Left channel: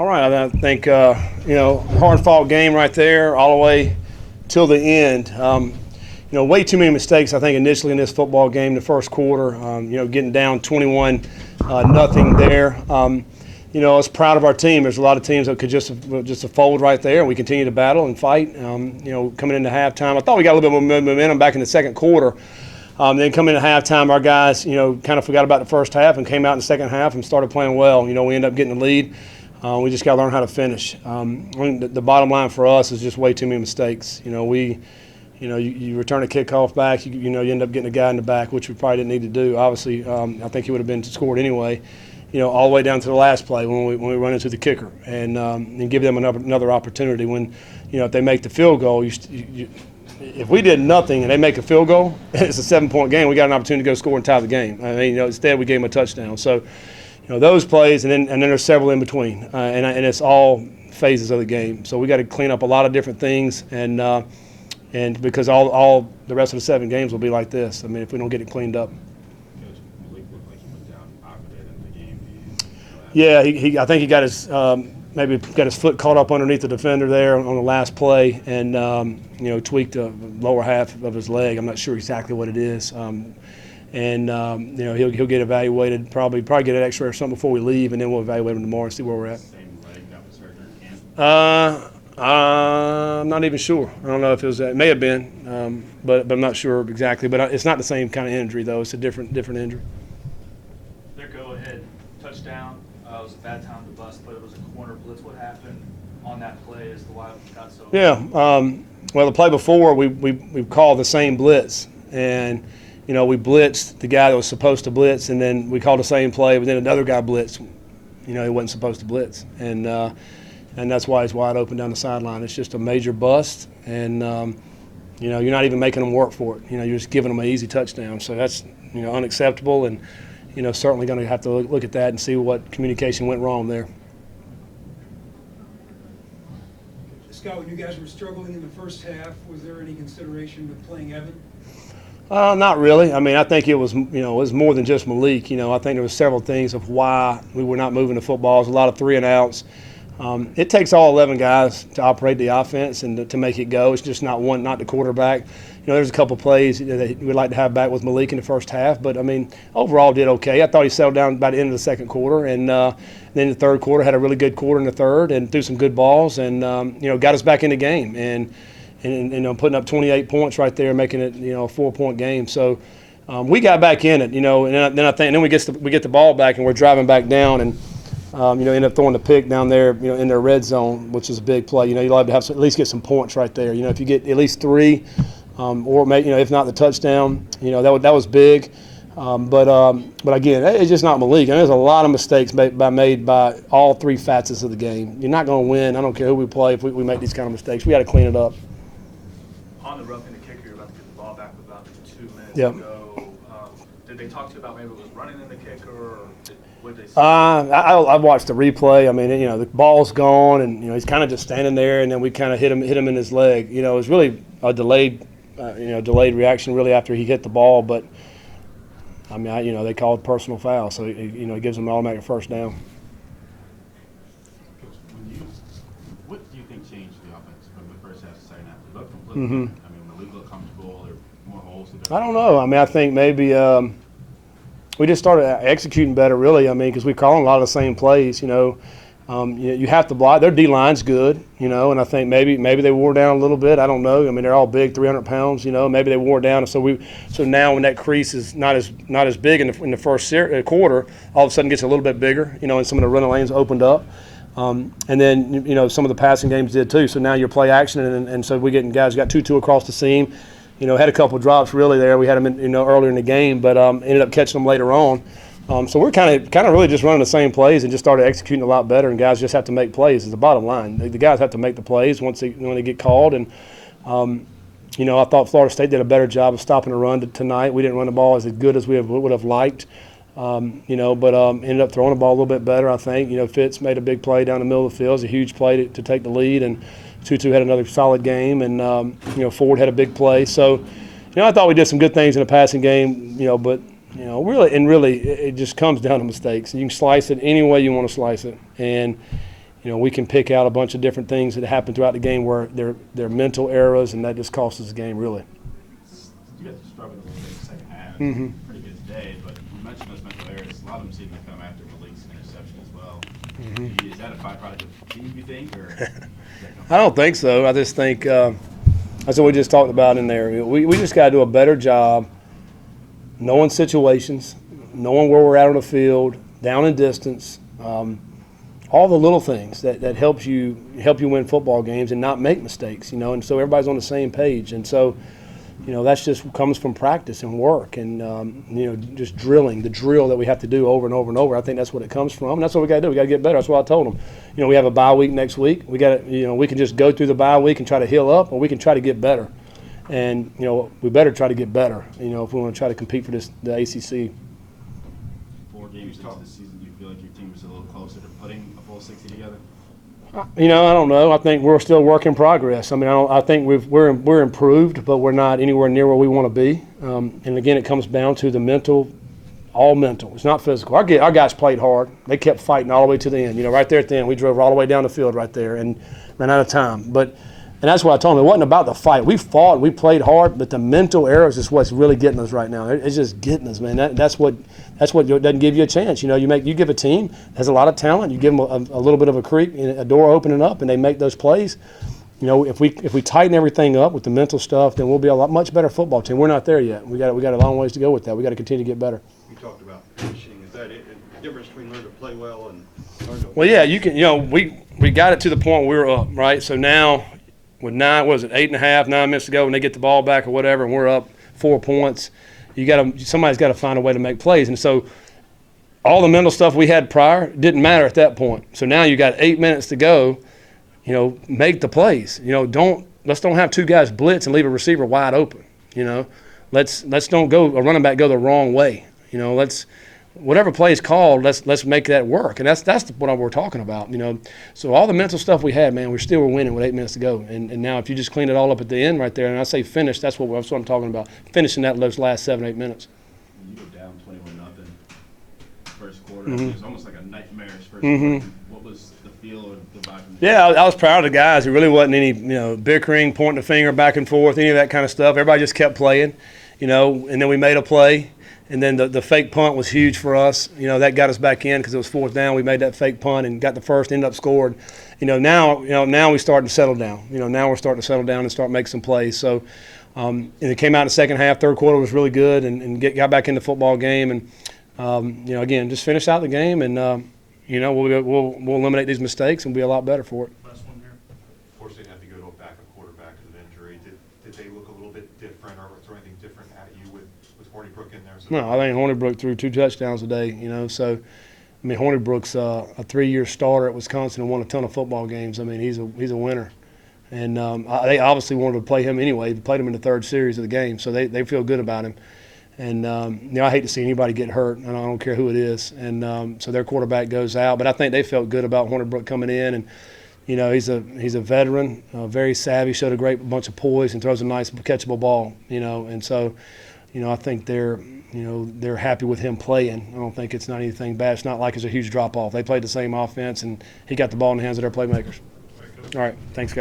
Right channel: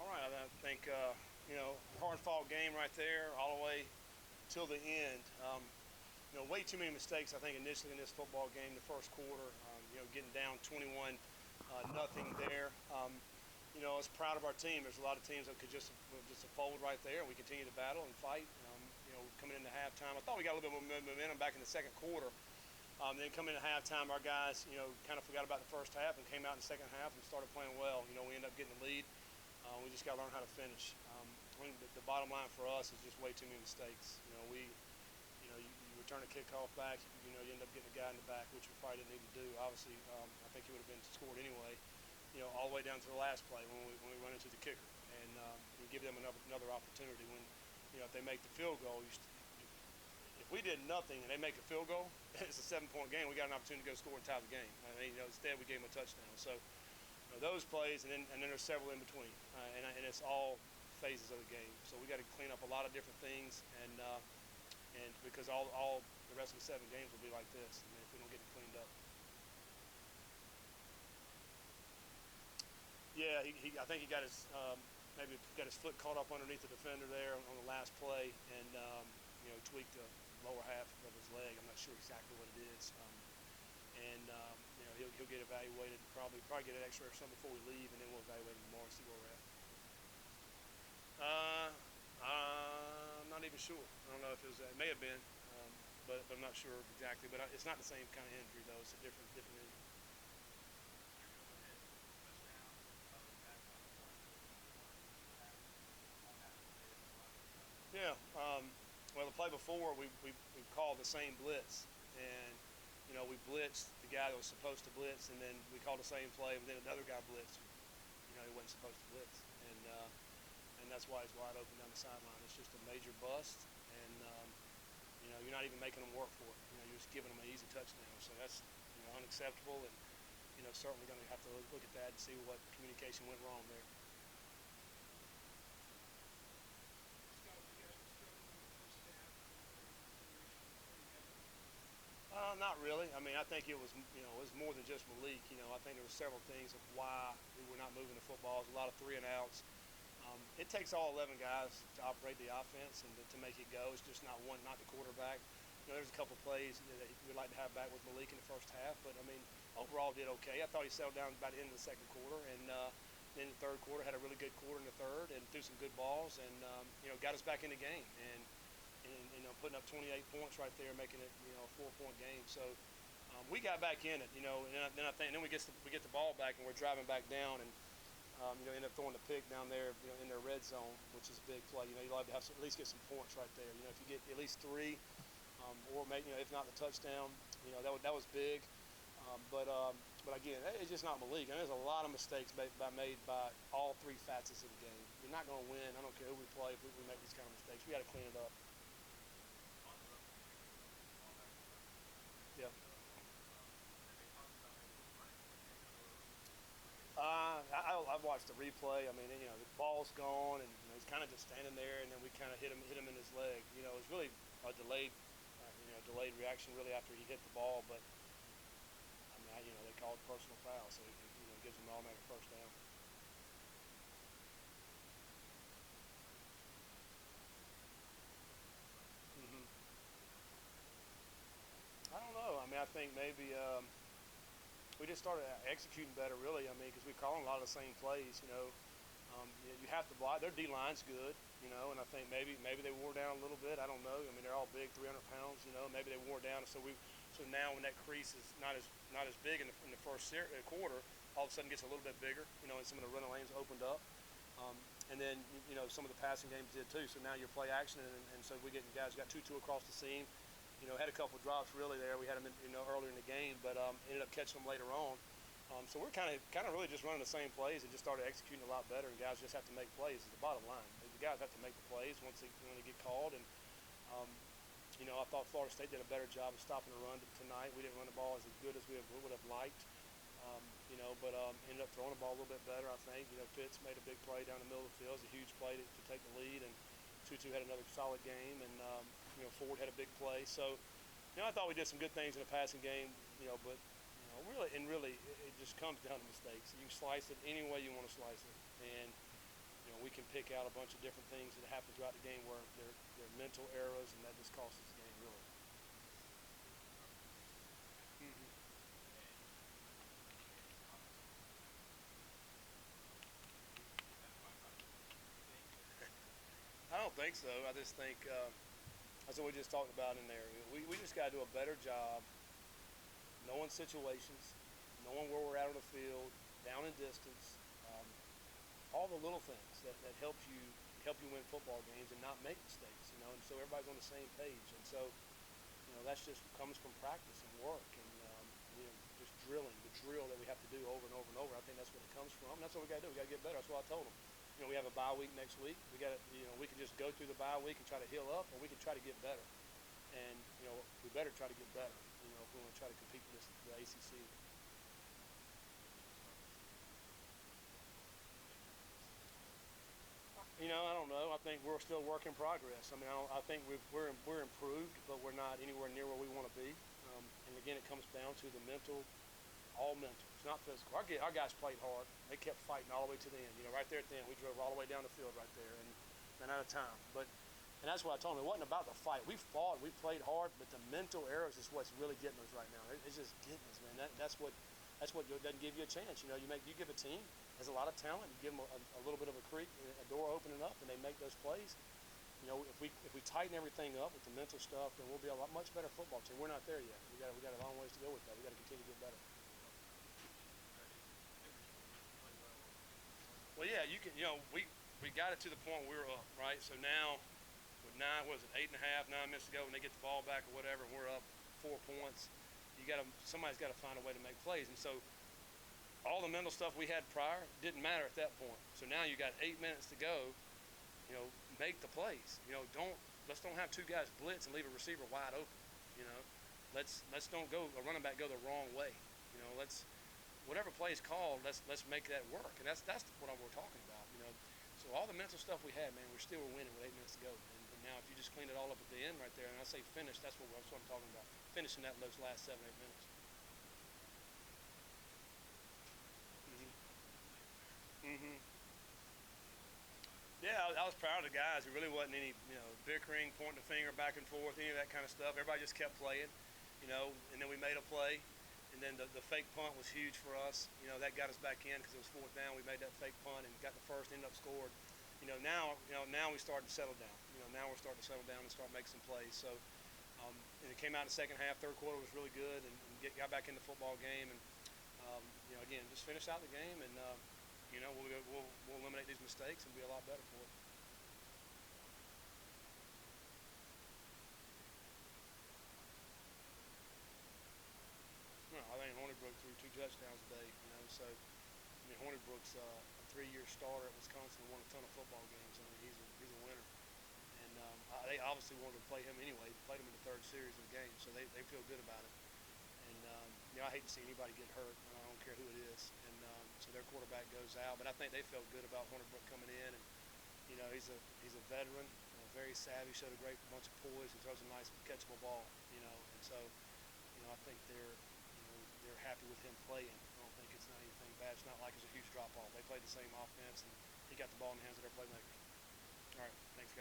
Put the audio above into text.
All right, I think, hard-fought game right there all the way till the end. Way too many mistakes, I think, initially in this football game, the first quarter, getting down 21-0 there. I was proud of our team. There's a lot of teams that could just fold right there, and we continue to battle and fight. Coming into halftime, I thought we got a little bit more momentum back in the second quarter. Then coming into halftime, our guys, kind of forgot about the first half and came out in the second half and started playing well. We ended up getting the lead. We just got to learn how to finish. The bottom line for us is just way too many mistakes. You return a kickoff back, you end up getting a guy in the back, which we probably didn't need to do. Obviously, I think he would have been scored anyway. All the way down to the last play when we run into the kicker and give them another opportunity. When if they make the field goal, if we did nothing and they make a field goal, it's a 7-point game. We got an opportunity to go score and tie the game. Instead we gave them a touchdown. So, those plays and then there's several in between, and it's all phases of the game. So we got to clean up a lot of different things and because all the rest of the 7 games will be like this. If we don't get it cleaned up. Yeah, I think he got his maybe got his foot caught up underneath the defender there on the last play, and tweaked the lower half of his leg. I'm not sure exactly what it is, he'll get evaluated. Probably get an X-ray or something before we leave, and then we'll evaluate him tomorrow and see where we're at. Same leg that was hurt in camp? I'm not even sure. I don't know if it was. It may have been, but I'm not sure exactly. But it's not the same kind of injury though. It's a different injury. Their go-ahead touchdown. It was a bad time to bust, but it was a corner blitz. What happened on that play as to why it got so? Yeah. Well, the play before we called the same blitz, and we blitzed the guy that was supposed to blitz, and then we called the same play, but then another guy blitzed. He wasn't supposed to blitz, and that's why he's wide open down the sideline. It's just a major bust, and you're not even making them work for it. You're just giving them an easy touchdown. So that's unacceptable, and certainly going to have to look at that and see what communication went wrong there. Scott, when you guys were struggling in the first half, was there any consideration with playing Evan? Not really. I think it was more than just Malik. I think there were several things of why we were not moving the footballs. A lot of 3 and outs. It takes all 11 guys to operate the offense and to make it go. It's just not the quarterback. There's a couple plays that we'd like to have back with Malik in the first half, but overall did okay. I thought he settled down by the end of the second quarter, and then the third quarter had a really good quarter in the third and threw some good balls and got us back in the game and putting up 28 points right there, making it a 4-point game. So we got back in it, and then we get the ball back and we're driving back down and. End up throwing the pick down there, in their red zone, which is a big play. You'll have to at least get some points right there. If you get at least 3, or maybe, if not the touchdown, that was big. But again, it's just not Malik. There's a lot of mistakes made by all 3 facets of the game. You're not going to win. I don't care who we play if we make these kind of mistakes. We got to clean it up. On the roughing the kicker, you're about to get the ball back with about 2 minutes Yep. to go. Did they talk to you about maybe it was running in the kicker, or what did they say? I've watched the replay. The ball's gone, and he's kind of just standing there, and then we kind of hit him in his leg. It was really a delayed reaction really after he hit the ball, but they called personal foul, so it gives them an automatic first down. What do you think changed the offense from the first half to second half? It looked completely different. Malik looked comfortable. There were more holes. I don't know. I think maybe we just started executing better, really. Because we're calling a lot of the same plays. You have to block. Their D-line's good, and I think maybe they wore down a little bit. I don't know. They're all big, 300 pounds. Maybe they wore down. So now when that crease is not as big in the first quarter, all of a sudden gets a little bit bigger. And some of the running lanes opened up. And then some of the passing games did too. So now you're play action, and so we're getting guys got 2-2 across the seam. Had a couple of drops really there. We had them earlier in the game, but ended up catching them later on. So we're kind of really just running the same plays and just started executing a lot better. And guys just have to make plays. Is the bottom line. The guys have to make the plays when they get called. And I thought Florida State did a better job of stopping the run tonight. We didn't run the ball as good as we would have liked. But ended up throwing the ball a little bit better. I think Fitz made a big play down the middle of the field. It was a huge play to take the lead, and Tutu had another solid game, and Ford had a big play. So I thought we did some good things in the passing game. But really it just comes down to mistakes. You can slice it any way you want to slice it, and we can pick out a bunch of different things that happen throughout the game where they're mental errors, and that just costs us the game, really. You guys struggled a little bit in the second half. Mhm. Pretty good day, but you mentioned those mental errors. A lot of them seem to come after Malik's interception as well. Mm-hmm. Is that a byproduct of team, you think, or? I don't think so. I just think that's what we just talked about in there. We just got to do a better job knowing situations, knowing where we're at on the field, down and distance, all the little things that help you win football games and not make mistakes, and so everybody's on the same page. And so, that's just comes from practice and work and, just drilling, the drill that we have to do over and over and over. I think that's what it comes from. And that's what we got to do. We got to get better. That's what I told them. We have a bye week next week. We got to, we can just go through the bye week and try to heal up, or we can try to get better. And, we better try to get better, if we want to try to compete for the ACC. 4 games into the season, do you feel like your team is a little closer to putting a full 60 together? I don't know. I think we're still work in progress. I think we're improved, but we're not anywhere near where we want to be. And again, it comes down to the mental, all mental. It's not physical. Our guys played hard. They kept fighting all the way to the end. Right there at the end, we drove all the way down the field right there and ran out of time. And that's what I told them. It wasn't about the fight. We fought, we played hard, but the mental errors is what's really getting us right now. It's just getting us, man. That's what doesn't give you a chance. You give a team that has a lot of talent, you give them a little bit of a creak, a door opening up, and they make those plays. If we tighten everything up with the mental stuff, then we'll be a much better football team. We're not there yet. We got a long ways to go with that. We got to continue to get better. You talked about finishing. Is that it? The difference between learn to play well and learn to? Well, yeah, you can. We got it to the point where we were up, right? So now, with 8.5, 9 minutes to go, when they get the ball back or whatever, and we're up 4 points, somebody's got to find a way to make plays. And so all the mental stuff we had prior didn't matter at that point. So now you got 8 minutes to go, make the plays. Let's don't have 2 guys blitz and leave a receiver wide open. Let's don't go a running back go the wrong way. Whatever play is called, let's make that work. And that's what we're talking about, So all the mental stuff we had, man, we still were winning with 8 minutes to go. And now if you just clean it all up at the end right there, and I say finish, that's what I'm talking about, finishing those last 7-8 minutes. You go down 21-0 first quarter. Mm-hmm. It was almost like a nightmarish first Mm-hmm. quarter. What was the feel or the vibe from the Yeah, I was proud of the guys. There really wasn't any, bickering, pointing the finger back and forth, any of that kind of stuff. Everybody just kept playing, and then we made a play. And then the fake punt was huge for us. That got us back in because it was 4th down. We made that fake punt and got the first, ended up scored. Now we're starting to settle down. Now we're starting to settle down and start making some plays. So, and it came out in the second half. Third quarter was really good and got back in the football game. And, again, just finish out the game and, we'll eliminate these mistakes and be a lot better for it. Last one here. Florida State had to go to a backup quarterback with an injury. Did they look a little bit different, or was there anything different at you with Hornibrook in there? So No, I think Hornibrook threw 2 touchdowns today, So, Hornibrook's a 3-year starter at Wisconsin and won a ton of football games. He's a winner. And they obviously wanted to play him anyway. They played him in the 3rd series of the game, so they feel good about him. And, I hate to see anybody get hurt, and I don't care who it is. And so their quarterback goes out. But I think they felt good about Hornibrook coming in. And, he's a veteran, very savvy, showed a great bunch of poise and throws a nice catchable ball, And so, I think they're happy with him playing. I don't think it's not anything bad. It's not like it's a huge drop-off. They played the same offense, and he got the ball in the hands of their playmakers. All right, thanks, guys.